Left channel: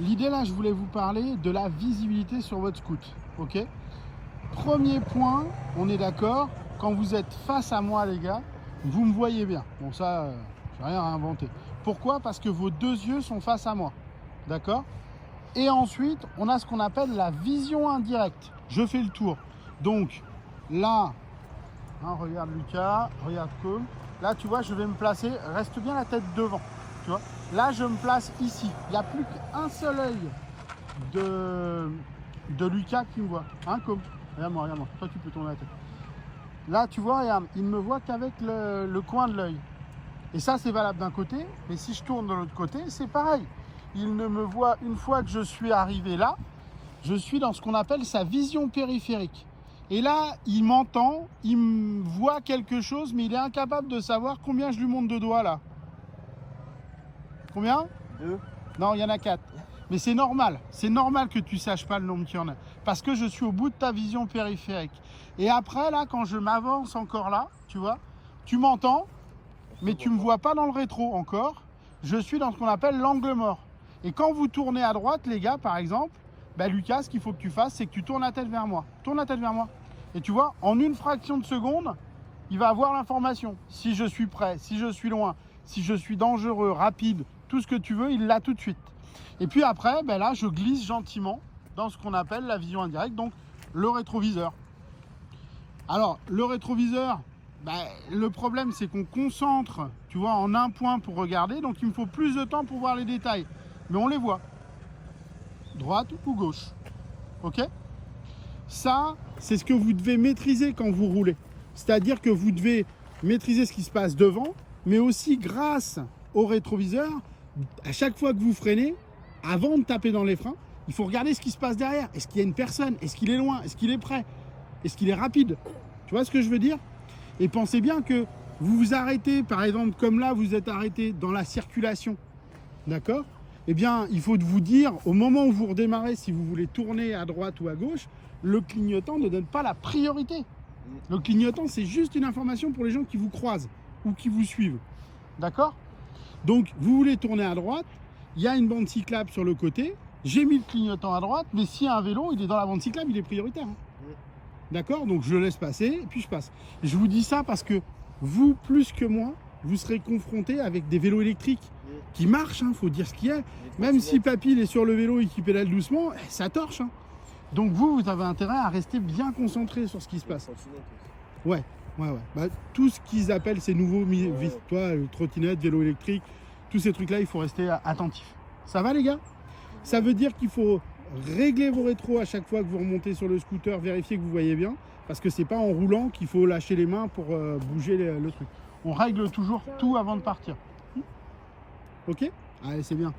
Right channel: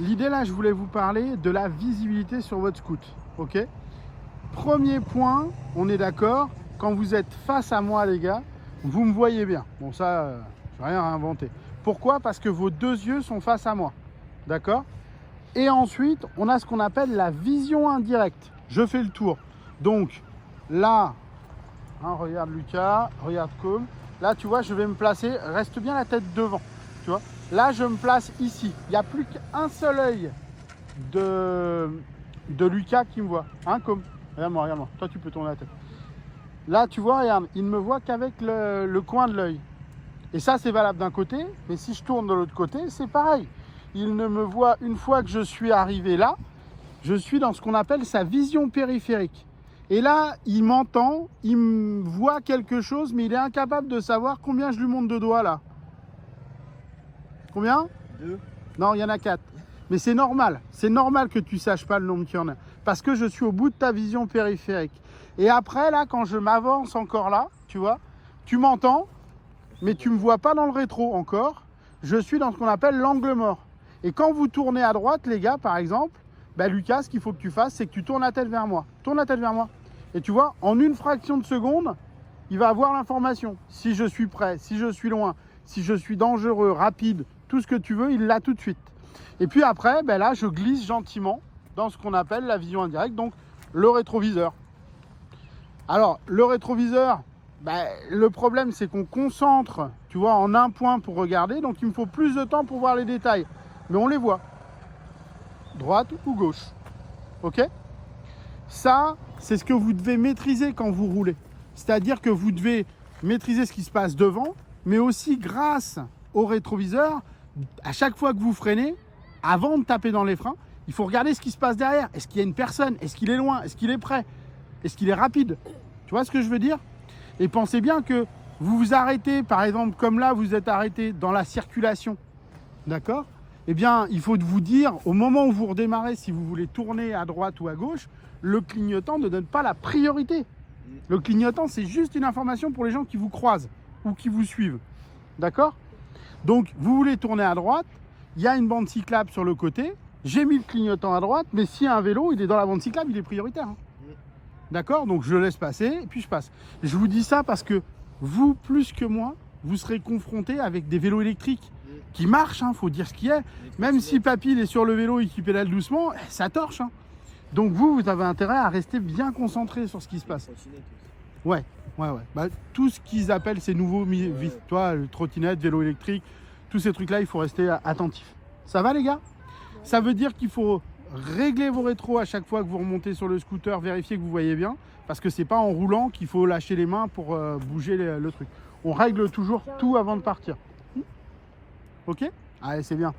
L'idée là, je voulais vous parler de la visibilité sur votre scoot. Ok. Premier point, on est d'accord, quand vous êtes face à moi les gars, vous me voyez bien. Bon ça, j'ai rien à inventer. Pourquoi? Parce que vos deux yeux sont face à moi. D'accord? Et ensuite, on a ce qu'on appelle la vision indirecte. Je fais le tour. Donc là, hein, regarde Lucas, regarde Cole. Là, tu vois, je vais me placer, reste bien la tête devant. Tu vois? Là, je me place ici. Il n'y a plus qu'un seul œil de Lucas qui me voit. Hein, Cole? Regarde-moi, regarde-moi. Toi, tu peux tourner la tête. Là, tu vois, regarde, il ne me voit qu'avec le coin de l'œil. Et ça, c'est valable d'un côté. Mais si je tourne de l'autre côté, c'est pareil. Il ne me voit, une fois que je suis arrivé là, je suis dans ce qu'on appelle sa vision périphérique. Et là, il m'entend, il me voit quelque chose, mais il est incapable de savoir combien je lui montre de doigts là. Combien? 2. Non, il y en a 4. Mais c'est normal que tu saches pas le nombre qu'il y en a. Parce que je suis au bout de ta vision périphérique. Et après, là, quand je m'avance encore là, tu vois, tu m'entends, mais tu ne me vois pas dans le rétro encore. Je suis dans ce qu'on appelle l'angle mort. Et quand vous tournez à droite, les gars, par exemple, bah, Lucas, ce qu'il faut que tu fasses, c'est que tu tournes la tête vers moi. Tourne la tête vers moi. Et tu vois, en une fraction de seconde, il va avoir l'information. Si je suis prêt, si je suis loin, si je suis dangereux, rapide, tout ce que tu veux, il l'a tout de suite. Et puis après, ben là, je glisse gentiment dans ce qu'on appelle la vision indirecte, donc le rétroviseur. Alors, le rétroviseur, ben, le problème, c'est qu'on concentre, tu vois, en un point pour regarder, donc il me faut plus de temps pour voir les détails. Mais on les voit. Droite ou gauche. Ok? Ça, c'est ce que vous devez maîtriser quand vous roulez. C'est-à-dire que vous devez maîtriser ce qui se passe devant, mais aussi grâce au rétroviseur, à chaque fois que vous freinez, avant de taper dans les freins, il faut regarder ce qui se passe derrière. Est-ce qu'il y a une personne? Est-ce qu'il est loin? Est-ce qu'il est prêt? Est-ce qu'il est rapide? Tu vois ce que je veux dire? Et pensez bien que vous vous arrêtez, par exemple, comme là, vous êtes arrêté dans la circulation. D'accord? Eh bien, il faut vous dire, au moment où vous redémarrez, si vous voulez tourner à droite ou à gauche, le clignotant ne donne pas la priorité. Le clignotant, c'est juste une information pour les gens qui vous croisent ou qui vous suivent. D'accord? Donc, vous voulez tourner à droite, il y a une bande cyclable sur le côté, j'ai mis le clignotant à droite, mais si un vélo, il est dans la bande cyclable, il est prioritaire. Hein. D'accord? Donc, je laisse passer, et puis je passe. Je vous dis ça parce que vous, plus que moi, vous serez confrontés avec des vélos électriques qui marchent, hein, faut dire ce qu'il y a. Même si papy il est sur le vélo et qu'il pédale doucement, ça torche. Hein. Donc vous avez intérêt à rester bien concentré sur ce qui se passe. Ouais. Bah, tout ce qu'ils appellent ces nouveaux, toi, trottinette, vélo électrique, tous ces trucs-là, il faut rester attentif. Ça va les gars? Ça veut dire qu'il faut régler vos rétros à chaque fois que vous remontez sur le scooter, vérifier que vous voyez bien, parce que c'est pas en roulant qu'il faut lâcher les mains pour bouger le truc. On règle toujours tout avant de partir. Ok? Allez, c'est bien.